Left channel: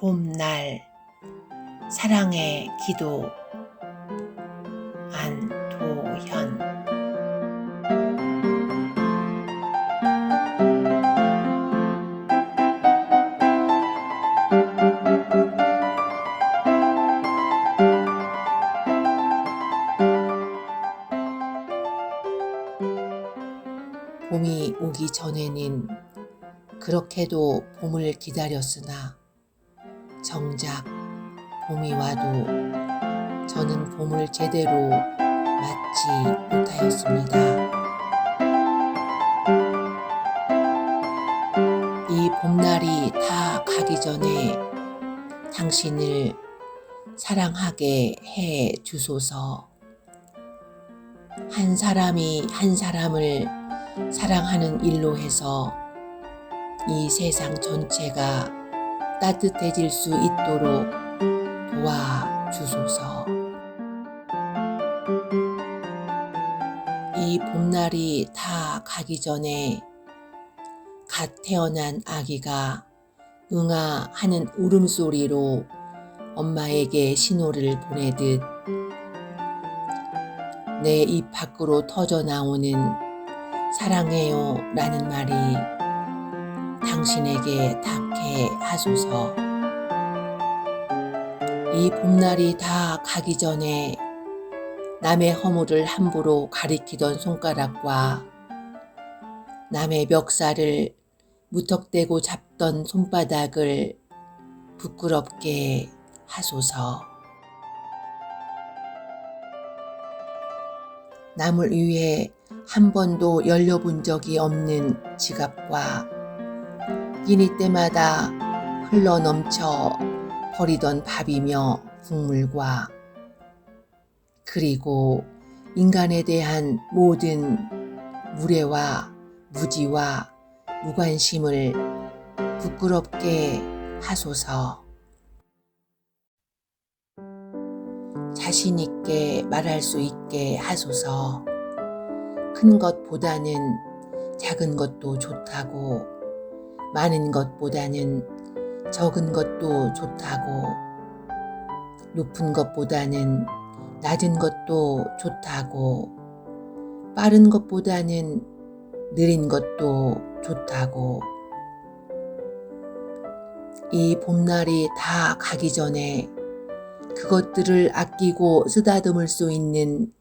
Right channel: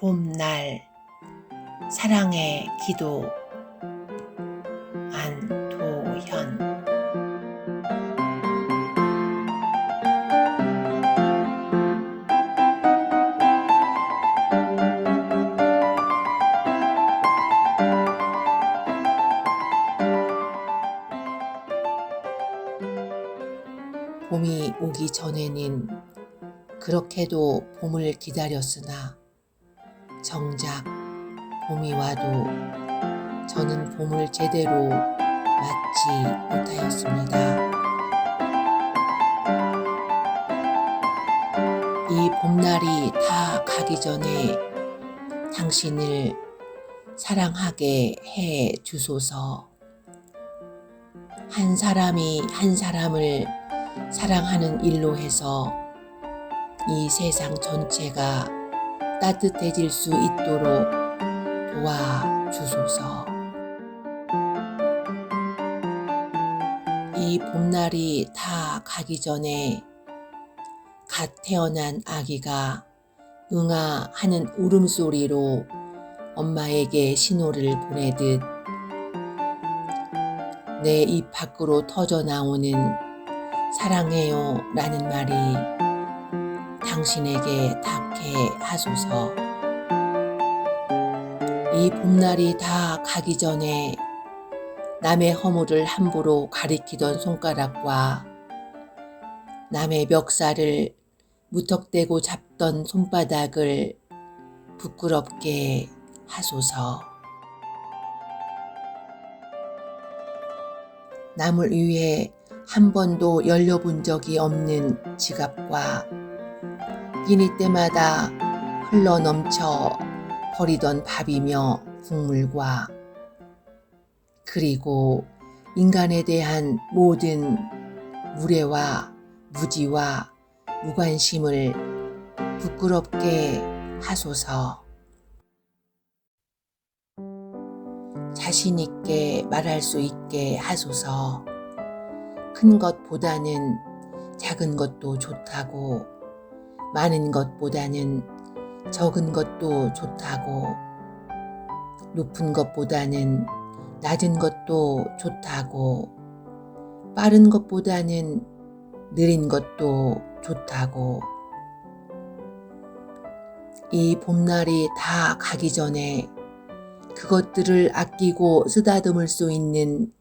봄날 사랑의 기도 안도현. 봄이 오기 전에는 그렇게도 봄을 기다렸으나 정작 봄이 와도 저는 봄을 제대로 맞지 못하였습니다. 이 봄날이 다 가기 전에 당신을 사랑하게 해 주소서. 한 사람이 한 사람을 사랑하는 일로 해서 이 세상 전체가 따뜻해질 수 있도록 도와주소서. 이 봄날이 다 가기 전에 갓 태어난 아기가 응아 하는 울음소리로 엄마에게 신호를 보내듯 내 입 밖으로 터져 나오는 사랑해요 라는 말이 당신에게 닿게 하소서. 이 봄날이 다 가기 전에 남의 허물을 함부로 가리키던 손가락과 남의 멱살을 무턱대고 잡던 손바닥을 부끄럽게 하소서. 남을 위해 한 번도 열려본 적이 없는 지갑과 끼니 때마다 흘러 넘쳐 버리던 밥이며 국물과 그리고 인간에 대한 모든 무례와 무지와 무관심을 부끄럽게 하소서. 자신있게 말할 수 있게 하소서. 큰 것보다는 작은 것도 좋다고, 많은 것보다는 적은 것도 좋다고, 높은 것보다는 낮은 것도 좋다고, 빠른 것보다는 느린 것도 좋다고, 이 봄날이 다 가기 전에 그것들을 아끼고 쓰다듬을 수 있는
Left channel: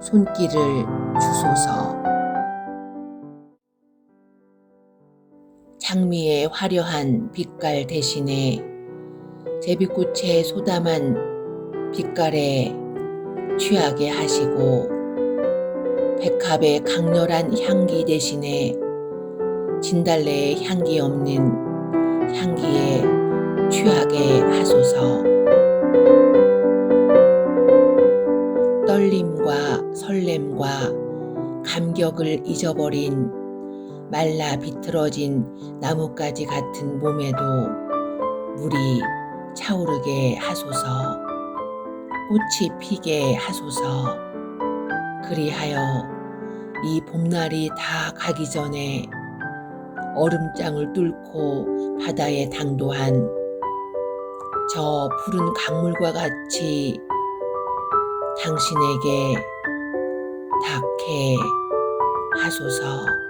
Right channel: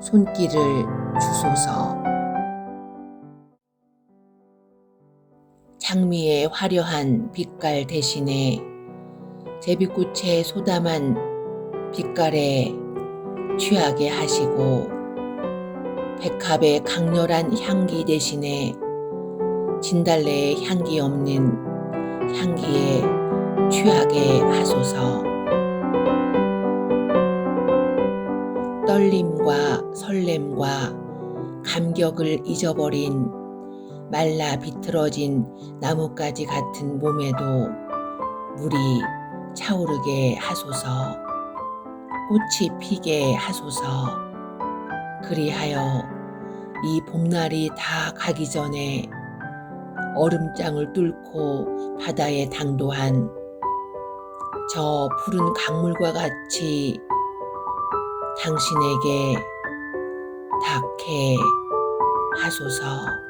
손길을 주소서. 장미의 화려한 빛깔 대신에 제비꽃의 소담한 빛깔에 취하게 하시고 백합의 강렬한 향기 대신에 진달래의 향기 없는 향기에 취하게 하소서. 떨림과 설렘과 감격을 잊어버린 말라 비틀어진 나뭇가지 같은 몸에도 물이 차오르게 하소서, 꽃이 피게 하소서, 그리하여 이 봄날이 다 가기 전에 얼음장을 뚫고 바다에 당도한 저 푸른 강물과 같이 당신에게 닿게 하소서.